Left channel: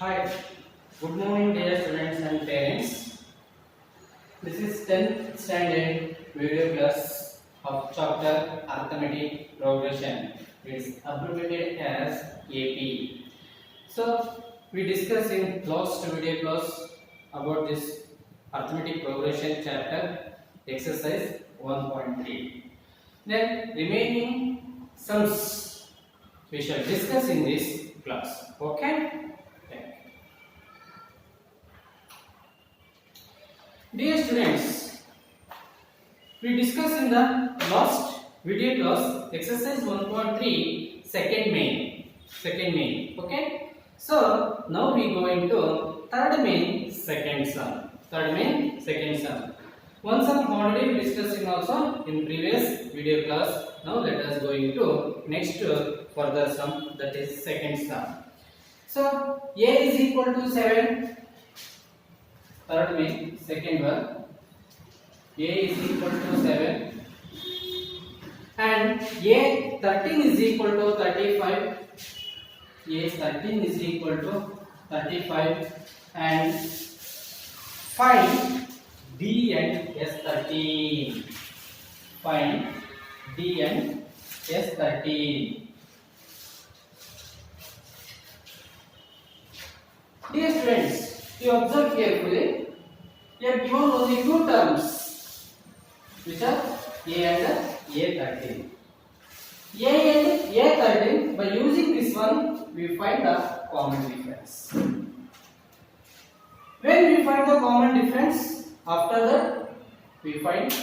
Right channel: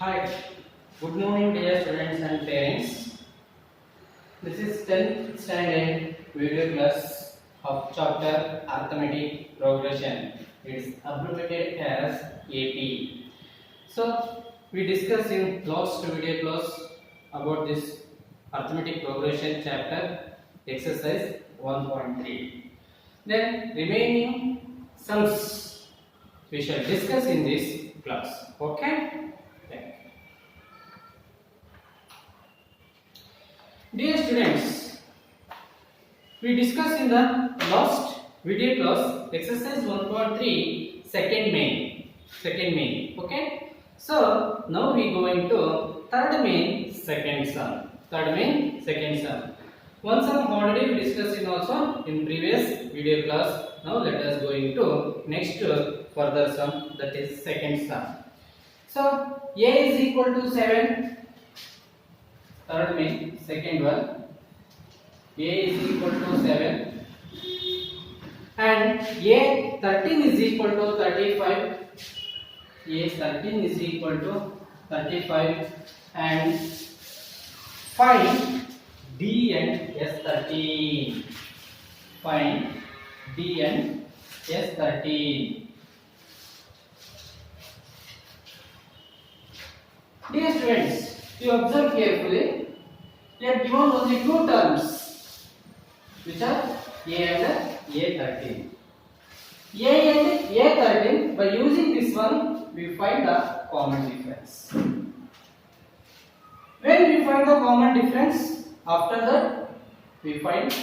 Hi, good morning dear students and parents. This is 10th standard video class of chapter Arithmetic Progression. It is abbreviated as AP. So, we discussed in last video class about this Arithmetic Progression chapter exercise 1.3. Then remaining sums we shall discuss in this class. Okay? Thank you. Dear students, we discussed in the last video class exercise 1.3 second main. Okay, so now we go into third main second sum. One sum already we discussed in also in previous video class. Now let us go into next further sum, that is second sum. So a is equal to 7. Third main, second one, a is equal to 7 and a 13 is equal to 35. A 13 is equal to 35 and find D and S13. Find D and S13. Dear students, you observe carefully. We are given only two terms, which are A and A13. A and A13, by using this one, we find the common difference. When we find the common difference, after that, we find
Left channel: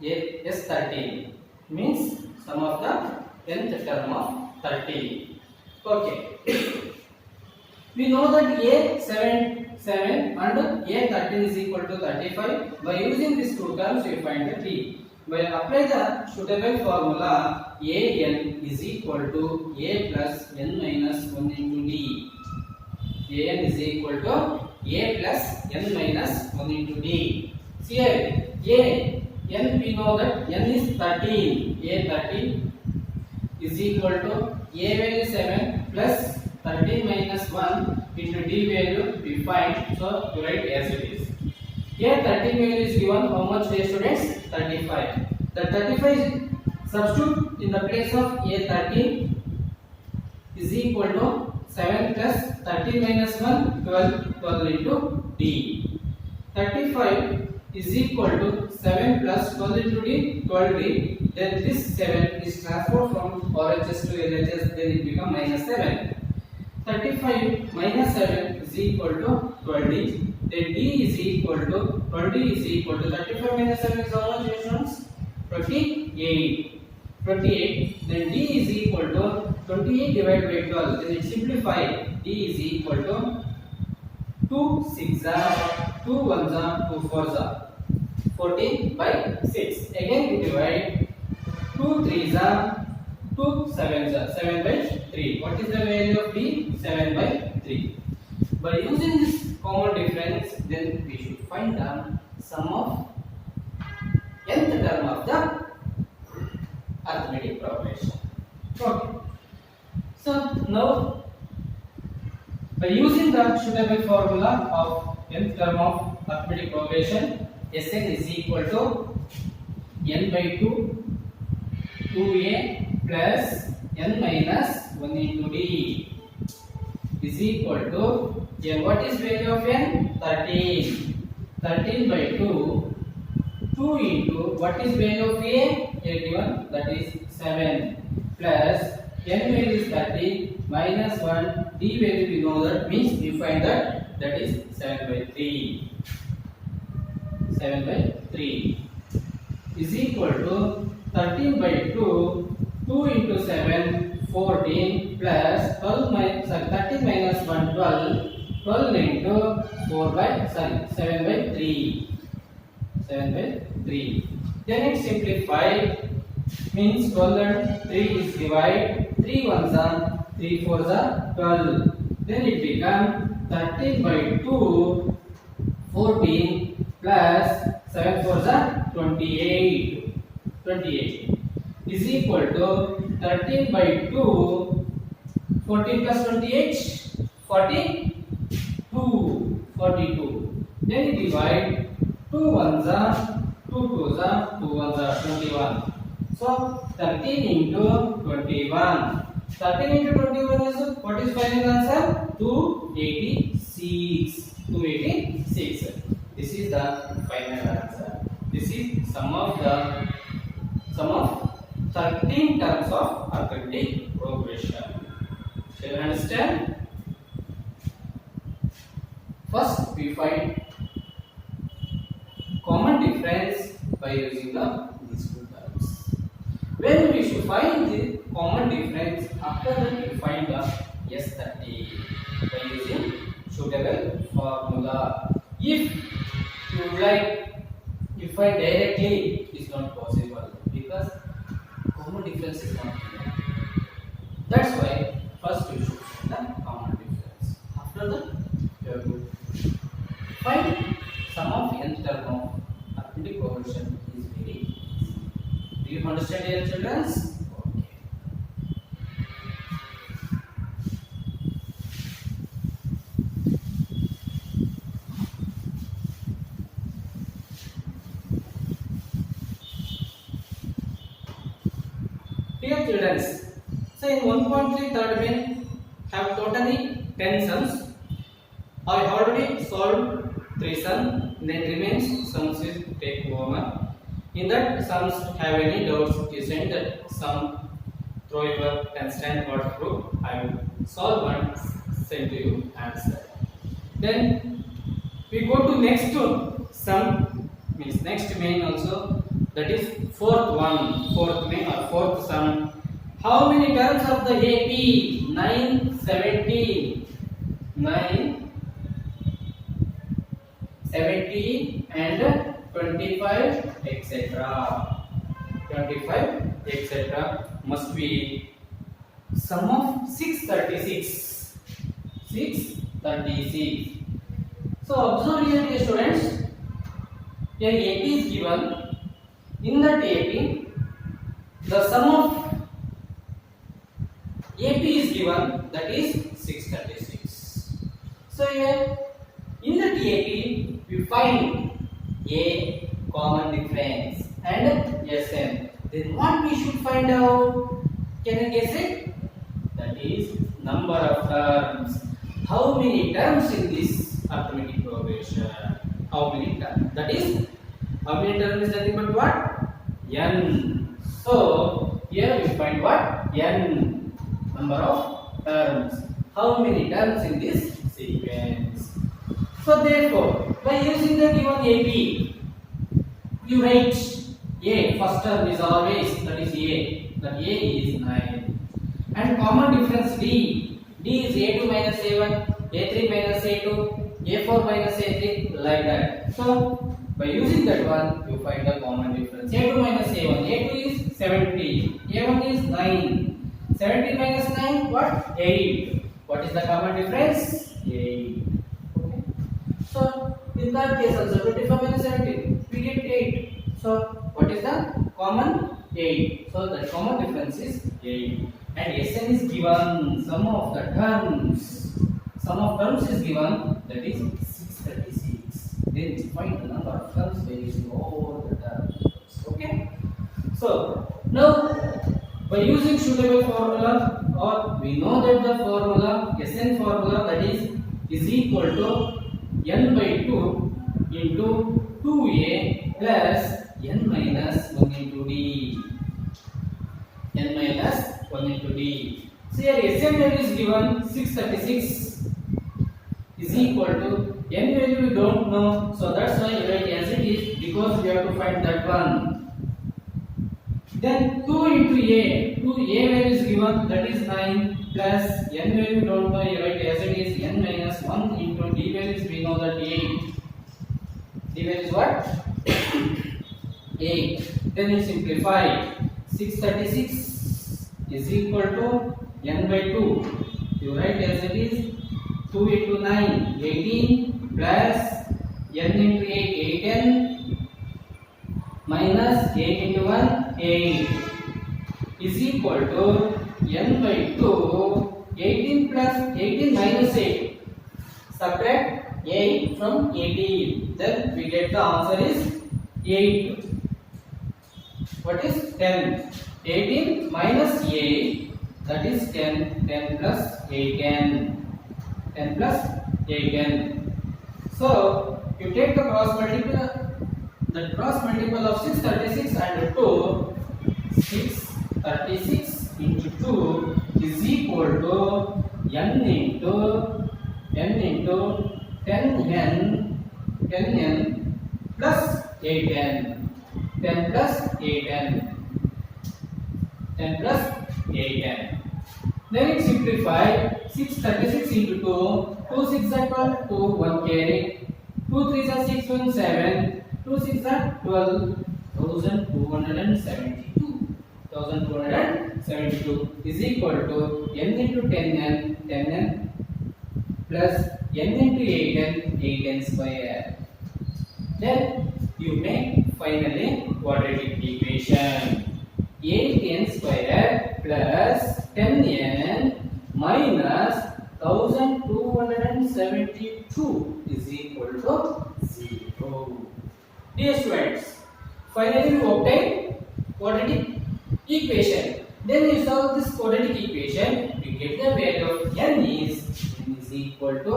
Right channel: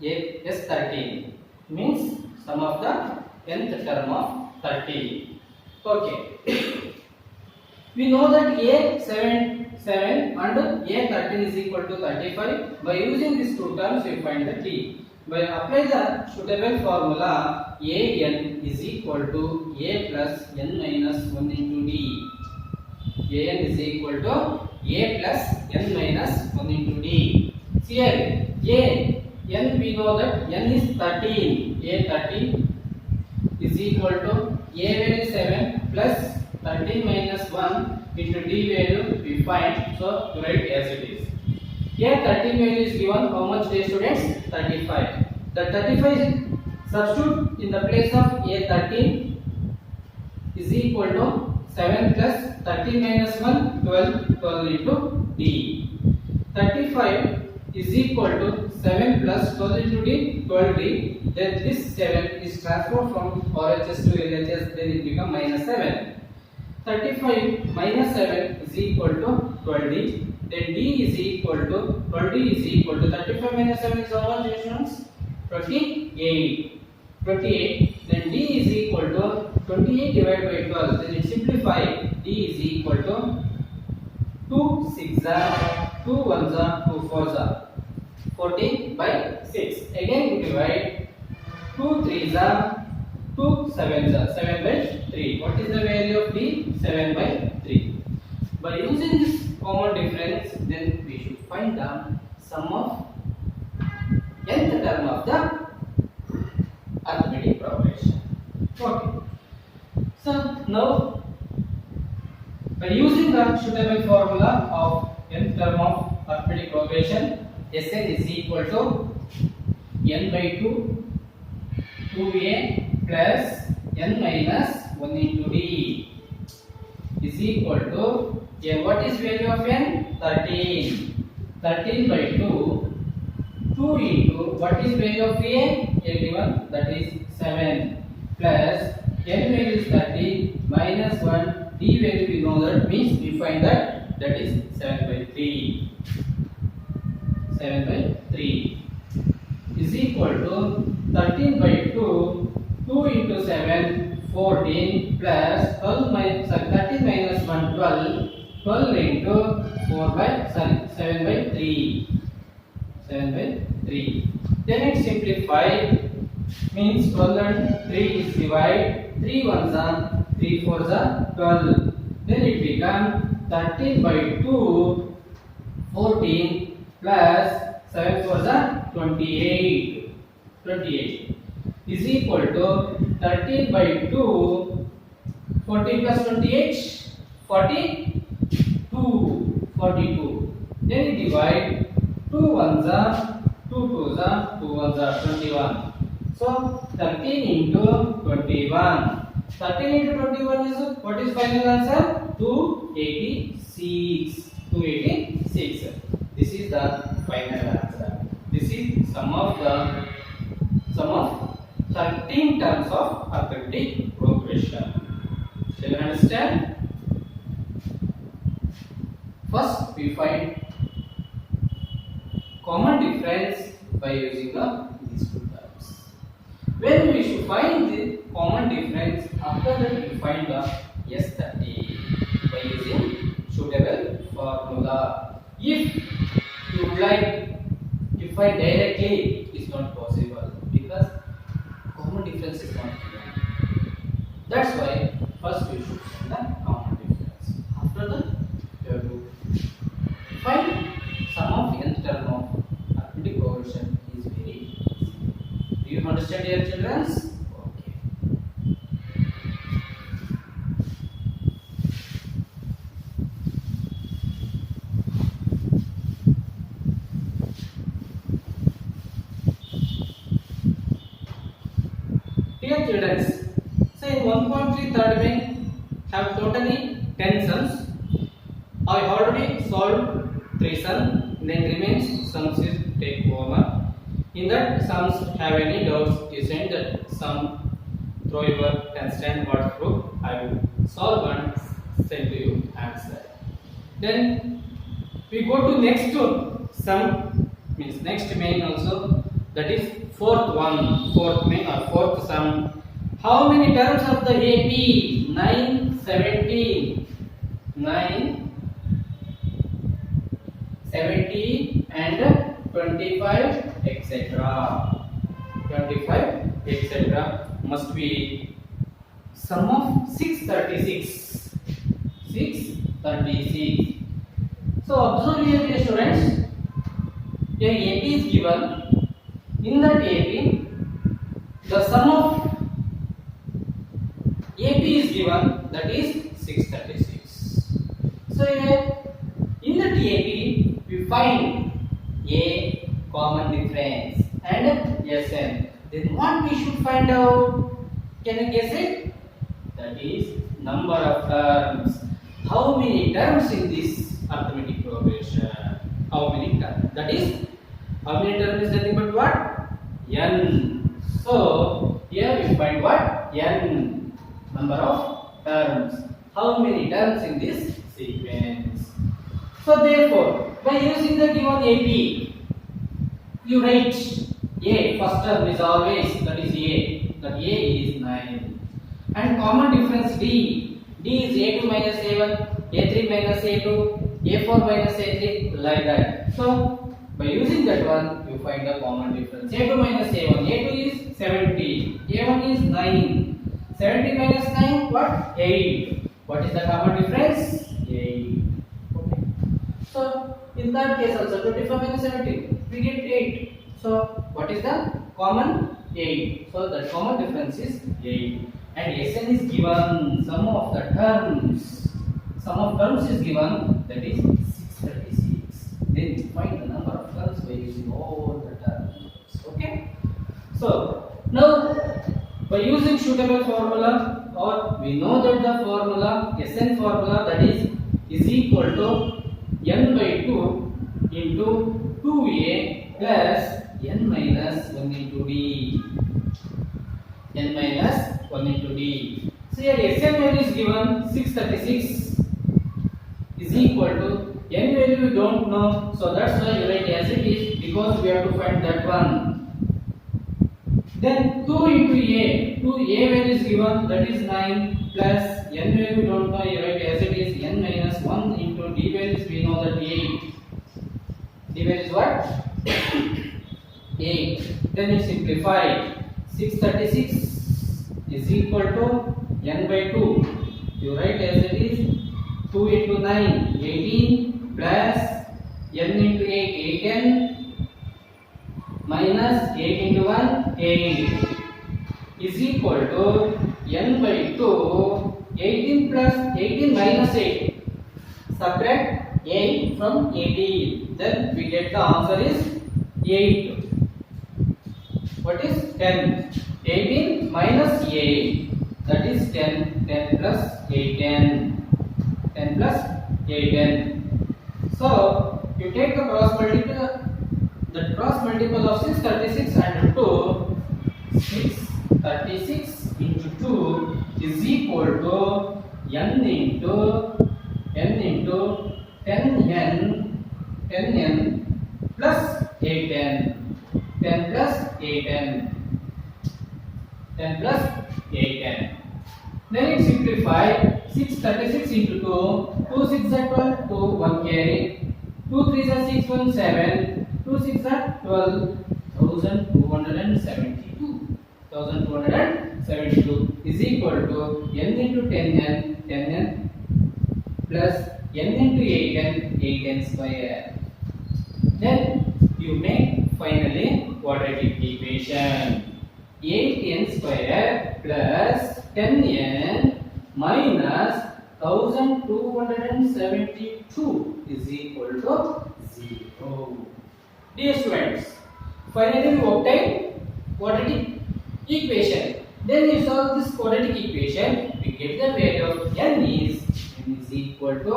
S13, means sum of the nth term of 13. Okay. We know that A7 and A13 is equal to 35. By using these two terms, we find the D. By apply the suitable formula, AN is equal to A plus N minus 1 into D. AN is equal to A plus N minus 1 into D. Here, N we know that N is 13. A13 is equal to A value 7 plus 13 minus 1 into D value we find, so to write as it is. Here 13 value is given, how much dear students? 35. The 35 substitute in the place of A13 is equal to 7 plus 13 minus 1, 12 into D. 35 is equal to 7 plus 12 into D, 12D. Then this 7 is transferred from RHS to LHS, then it becomes minus 7. 35 minus 7 is equal to 12D. Then D is equal to 12D is equal to 35 minus 7 is how much, students? 28. 28. Then D is equal to 28 divided by 12. Then it simplifies. D is equal to 2 6 are 2 1s are 2 4s are 14 by 6. Again we divide. 2 3s are 2 7s are 7 by 3. What is the value of D? 7 by 3. By using this common difference, then we should find the sum of nth term of the arithmetic progression. Okay. So now, by using the suitable formula of nth term of arithmetic progression, Sn is equal to n by 2, 2a plus n minus 1 into D is equal to n. What is value of n? 13. 13 by 2. 2 into what is value of a? Here given, that is 7 plus n value is 30 minus 1 D value we know that, means we find that is 7 by 3. 7 by 3 is equal to 13 by 2. 2 into 7, 14 plus 13 minus 1, 12. 12 into 7 by 3. 7 by 3. Then it simplified, means 12 and 3 is divided. 3 1s are 3 4s are 12. Then it becomes 13 by 2, 14 plus 7 4s are 28. 28 is equal to 13 by 2, 14 plus 28, 40, 42. 42. Then you divide 2 ones are 2 twos are 2 ones are 21. So 13 into 21. 13 into 21 is what is final answer? 286. 286. This is the final answer. This is sum of 13 terms of arithmetic progression. Do you understand? First, we find common difference by using these two terms. When we should find the common difference, after that we find the S30 by using suitable formula. If you would like to find directly, it is not possible because common difference is not here. That's why first we should find the common difference. After that, you have to find sum of nth term of arithmetic progression is very easy. Do you understand, dear children? Okay. Dear children, so in 1.3 third main have totally 10 sums. I already solved 3 sums, then remains sums is take over. In that sums have any doubts, you send that sum through your constant word through. I will solve and send to you answer. Then we go to next sum, means next main also, that is fourth main or fourth sum. How many terms of the AP? 9, 17, 9, 17 and 25 etc. 25 etc. must be sum of 636. 636. So observe here, dear students, here AP is given. In that AP, the sum of AP is given, that is 636. So here in the AP we find a common difference and Sn. Then what we should find out? Can you guess it? That is number of terms. How many terms in this arithmetic progression? How many terms? That is, how many terms is nothing but what? N. So here we find what? N. Number of terms. How many terms in this sequence? So therefore, by using the given AP, you write A. First term is always, that is A. That A is 9. And common difference D. D is A2 minus A1, A3 minus A2, A4 minus A3, like that. So by using that one, you find the common difference. A2 minus A1. A2 is 17. A1 is 9. 17 minus 9, what? 8. What is the common difference? 8. Okay. So in that case also, 25 minus 17, we get 8. So what is the common? 8. So the common difference is 8. And Sn is given, sum of the terms. Sum of terms is given, that is 636. Then find the number of terms by using all the terms. Okay. So now, by using suitable formula, or we know that the formula, Sn formula, that is equal to n by 2 into 2a plus n minus 1 into d. N minus 1 into d. So here Sn value is given 636 is equal to n value we don't know, so that's why you write as it is, because we have to find that one. Then 2 into a, 2a value is given, that is 9, plus n value we don't know, you write as it is, n minus 1 into d values we know that 8. D value is what? 8. Then you simplify. 636 is equal to n by 2. You write as it is, 2 into 9, 18, plus n into 8, 8n, minus 8 into 1, 8 is equal to n by 2, 18 plus 18 minus 8, subtract 8 from 18. Then we get the answer is 8. What is 10? 18 minus 8, that is 10. 10 plus 18. 10 plus 18. So you take the cross multiple of 636 and 2. 636 into 2 is equal to n into 10n plus 8n. 10 plus 8n. 10 plus 8n. Then it simplify. 636 into 2. 2 6 are 12. 2 1 carry. 2 3 are 6 1 7. 2 6 are 12. 1272. 1272 is equal to n into 10n plus n into 8n square. Then you make finally quadratic equation. 8n square plus 10n minus 1272 is equal to 0. Dear students, finally we obtain quadratic equation. Then we solve this quadratic equation. We get the value of n is equal to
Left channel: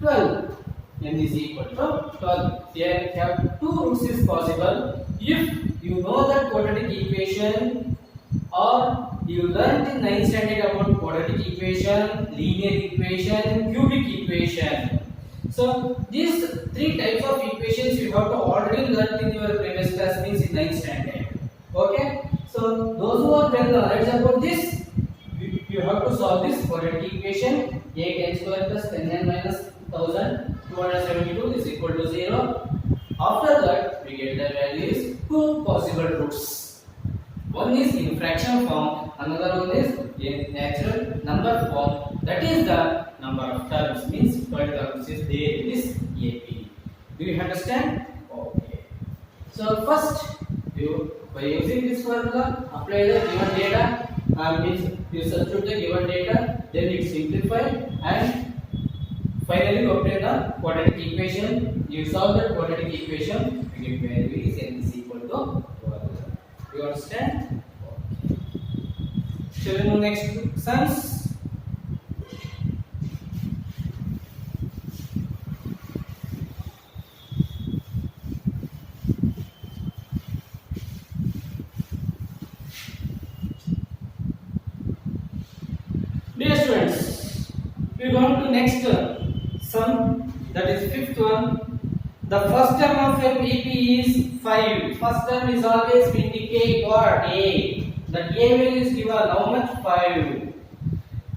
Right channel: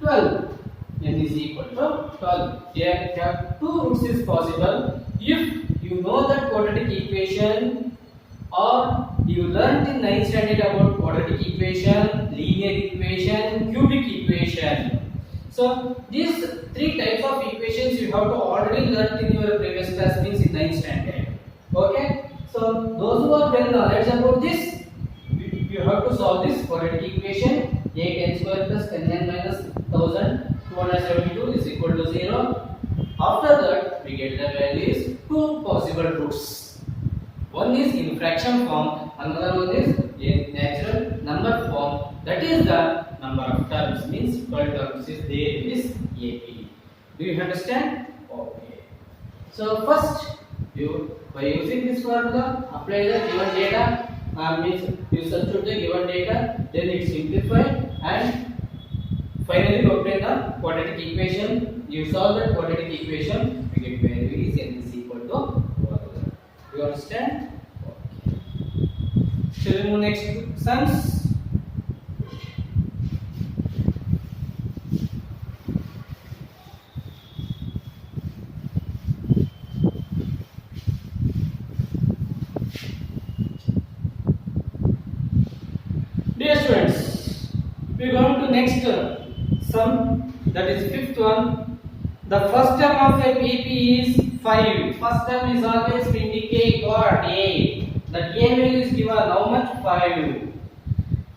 12. N is equal to 12. Here we have two roots is possible. If you know that quadratic equation, or you learnt in 9th standard about quadratic equation, linear equation, cubic equation. So these three types of equations you have to already learnt in your previous class, means in 9th standard. Okay. So those who are well knowledge about this, you have to solve this quadratic equation. 8n square plus 10n minus 1272 is equal to 0. After that, we get the values two possible roots. One is in fraction form, another one is in natural number form. That is the number of terms, means 12 terms is there in this AP. Do you understand? Okay. So first, by using this formula, apply the given data. Means you substitute the given data, then it simplify, and finally obtain the quadratic equation. You solve that quadratic equation, we get value is n is equal to 1. Do you understand? Okay. Shall we move next to sums? Dear students, we are going to next sum, that is fifth one. The first term of a PP is 5. First term is always we indicate what? A. The A value is given how much? 5.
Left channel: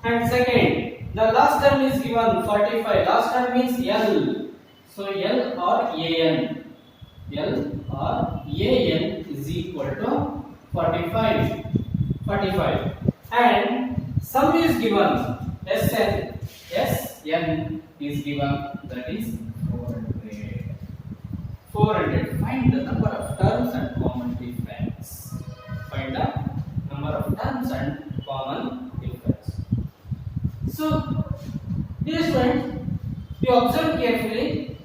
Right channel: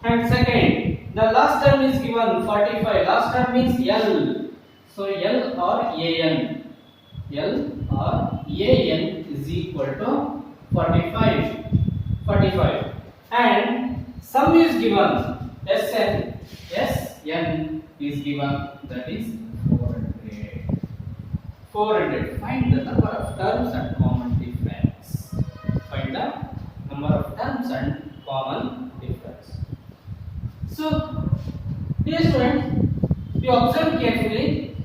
And second, the last term is given 45. Last term means L. So L or AN. L or AN is equal to 45. 45. And sum is given. Sn is given, that is 400. 400. Find the number of terms and common difference. Find the number of terms and common difference. So, dear students, you observe carefully.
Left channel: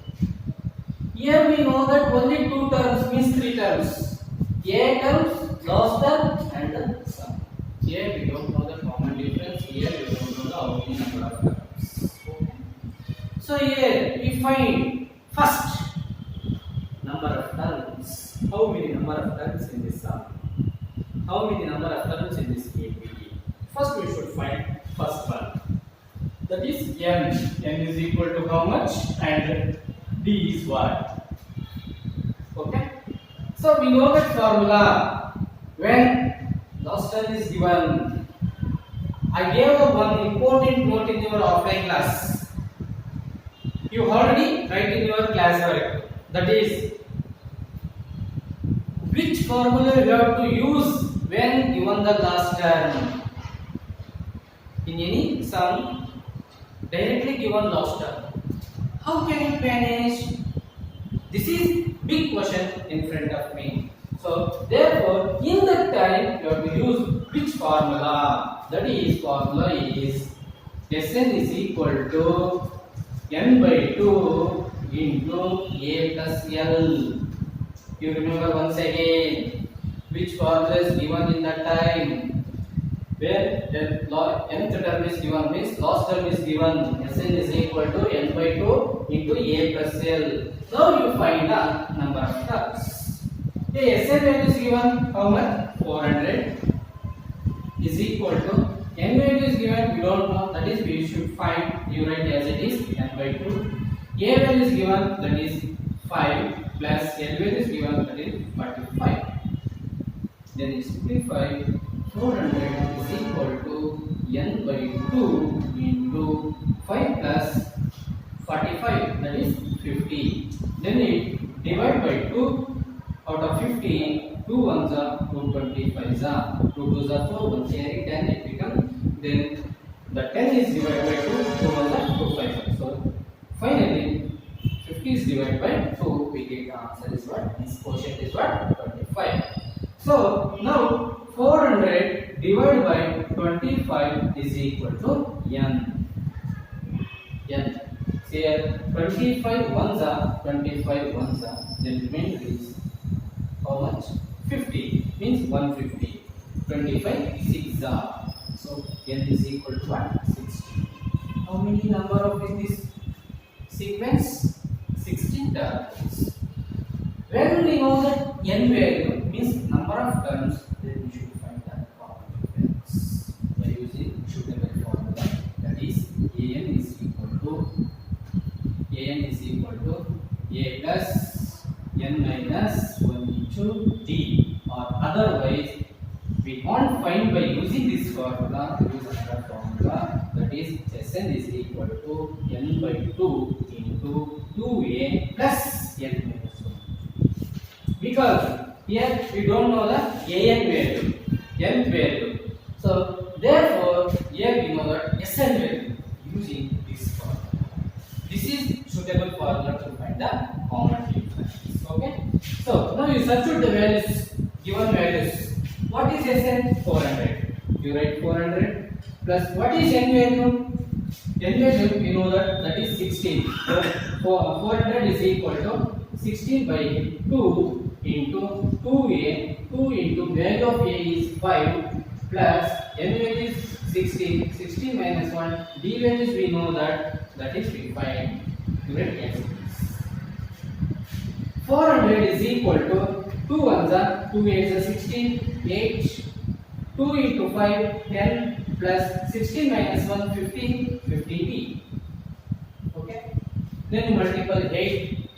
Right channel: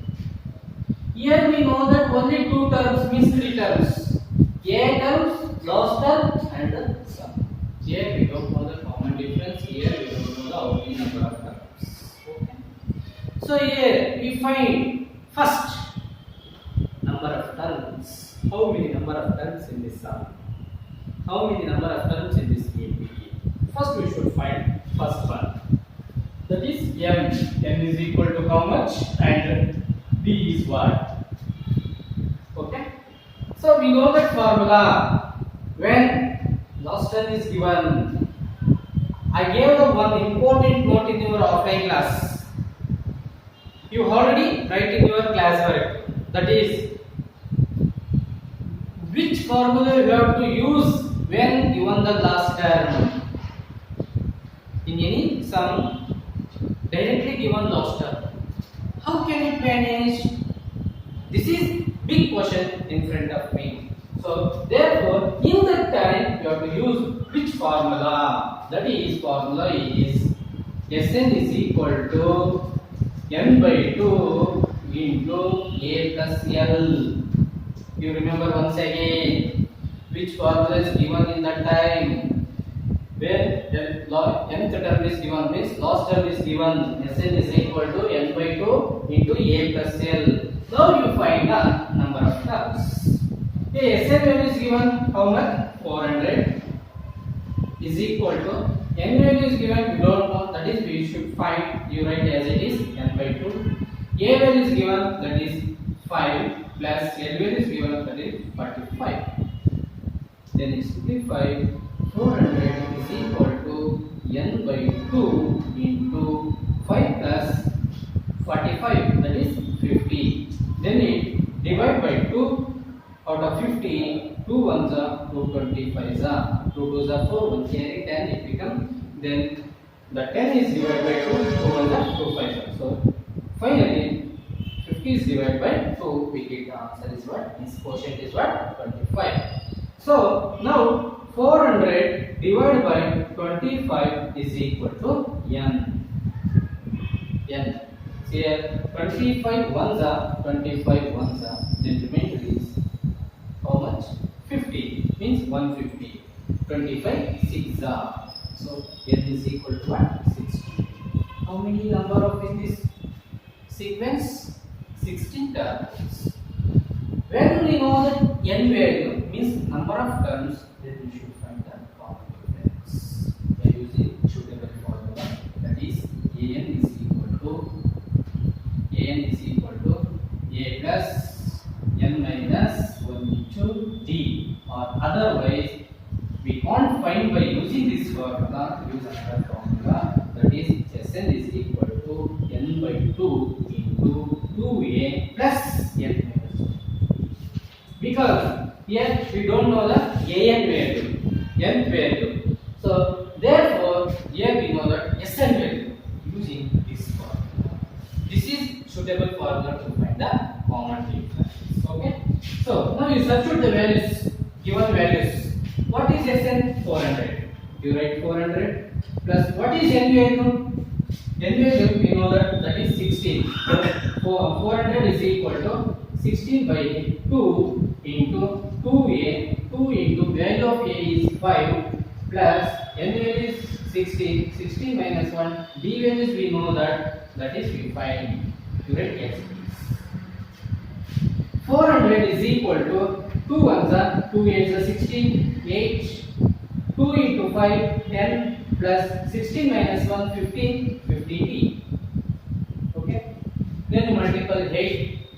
Here we know that only two terms means three terms. A terms, last term, and the sum. Here we don't know the common difference. Here we don't know the only number of terms. Okay. So here we find first number of terms. How many number of terms in this sum? How many number of terms in this APT? First we should find first one. That is m. M is equal to how much? And b is what? Okay. So we know that formula. When last term is given, I gave the one important note in your offline class. You already write in your class work. That is, which formula you have to use when given the last term. In any sum, directly given last term. How can it manage? This is big question in front of me. So therefore, in that time you have to use which formula? That is, formula is Sn is equal to n by 2 into a plus l. You remember once again which formula is given in that time where nth term is given means last term is given. Sn is equal to n by 2 into a plus l. Now you find the number of terms. The Sn value is given how much? 400 is equal to n value is given, we don't know, that is we should find. You write as it is n by 2. A value is given, that is 5 plus l value is given, that is 45. Then it simplify. 400 is equal to n by 2 into 5 plus 45, that is 50. Then it divide by 2. Out of 50, 2 ones are 225s are 2 2s are 4 1 carry 10 it becomes. Then the 10 is divided by 2 2 ones are 2 5s. So finally 50 is divided by 2, we get the answer is what? This quotient is what? 25. So now 400 divided by 25 is equal to n. Here 25 ones are 25 ones are, then remainder is how much? 50 means 150. 25 6 are. So n is equal to what? 60. How many number of in this sequence? 16 terms. When we know that n value means number of terms, then we should find the common difference by using suitable formula. That is an is equal to a plus n minus 1 into d, or otherwise we can't find by using this formula. Use another formula, that is Sn is equal to n by 2 into 2a plus n minus 1. Because here we don't know the an value, nth value. So therefore here we know that Sn value using this formula. This is suitable formula to find the common difference. Okay. So now you substitute the values, given values. What is Sn? 400. You write 400 plus what is n value? N value we know that is 16. So 400 is equal to 16 by 2 into 2a. 2 into value of a is 5 plus n value is 16. 16 minus 1. D values we know that is we find. You write as it is. 400 is equal to 2 ones are 2 8s are 16, 8, 2 into 5 10 plus 16 minus 1 15, 50t. Okay. Then you multiply 8,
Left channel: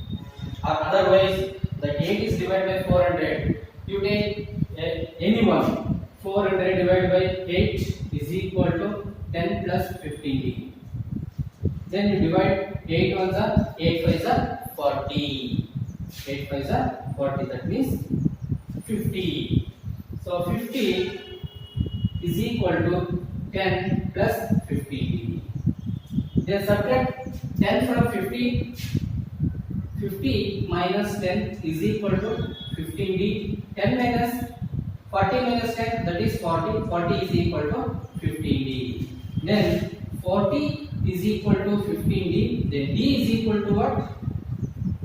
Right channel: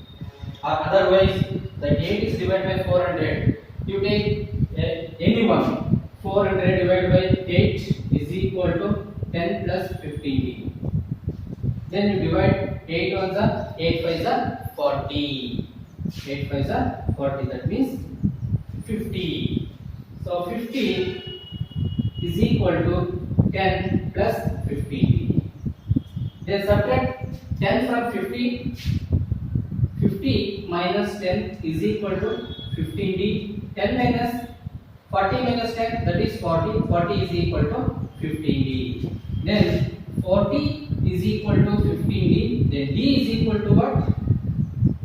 or otherwise the 8 is divided by 400. You take any one. 400 divided by 8 is equal to 10 plus 15t. Then you divide 8 ones are 8 5s are 40. 8 5s are 40, that means 50. So 50 is equal to 10 plus 50. Then subtract 10 from 50. 50 minus 10 is equal to 15d. 10 minus 40 minus 10, that is 40. 40 is equal to 15d. Then 40 is equal to 15d. Then d is equal to what?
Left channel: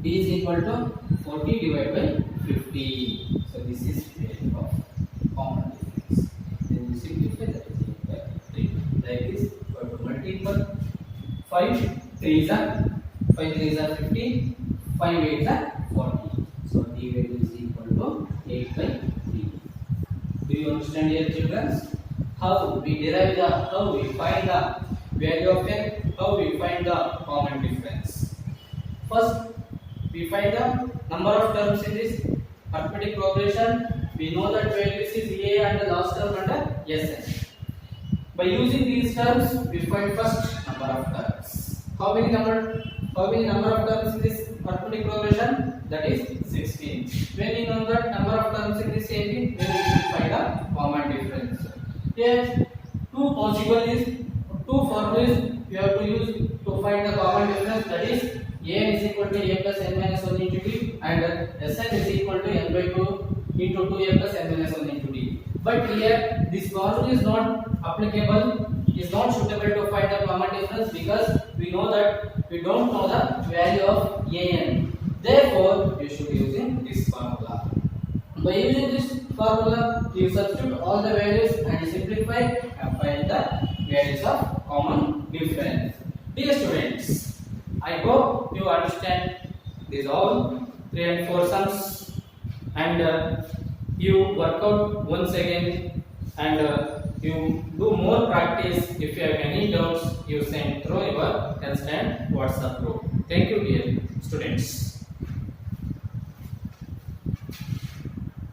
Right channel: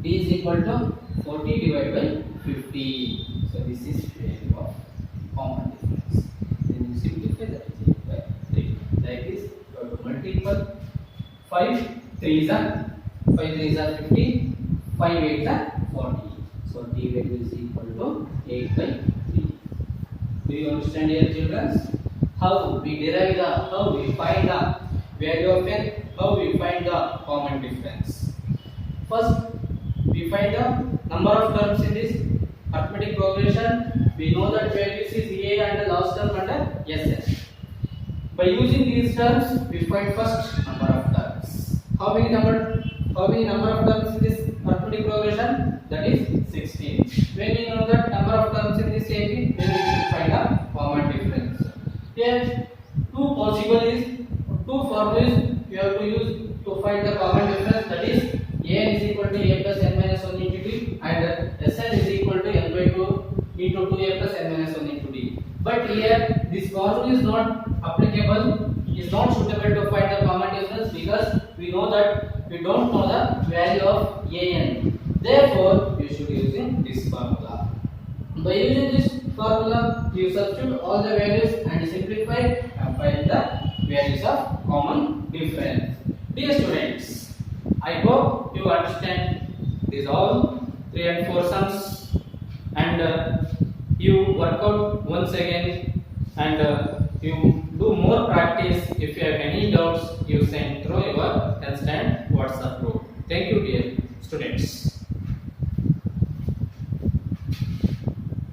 D is equal to 40 divided by 50. So this is value of common difference. Then you simplify, that is equal to 3. Like this, you have to multiple 5 3s are 15, 5 8s are 40. So D value is equal to 8 by 3. Do you understand here, children? How we derive the, how we find the value of n, how we find the common difference. First, we find the number of terms in this arithmetic progression. We know that values is a and the last term under Sn. By using these terms, we find first number of terms. How many number of terms in this arithmetic progression? That is 16. When we know that number of terms in this AP, then we should find a common difference. Here, two formulas you have to use to find the common difference. That is an is equal to a plus n minus 1 into d, and Sn is equal to n by 2 into 2a plus n minus 1 into d. But here this formula is not applicable, is not suitable to find the common difference because we know that we don't know the value of an. Therefore, you should using this formula. By using this formula, you substitute all the values and simplify and find the values of common difference. Dear students, I hope you understand these all 3 and 4 sums, and you work out once again, and you do more practice. If you have any doubts, you send through your constant WhatsApp group. Thank you, dear students.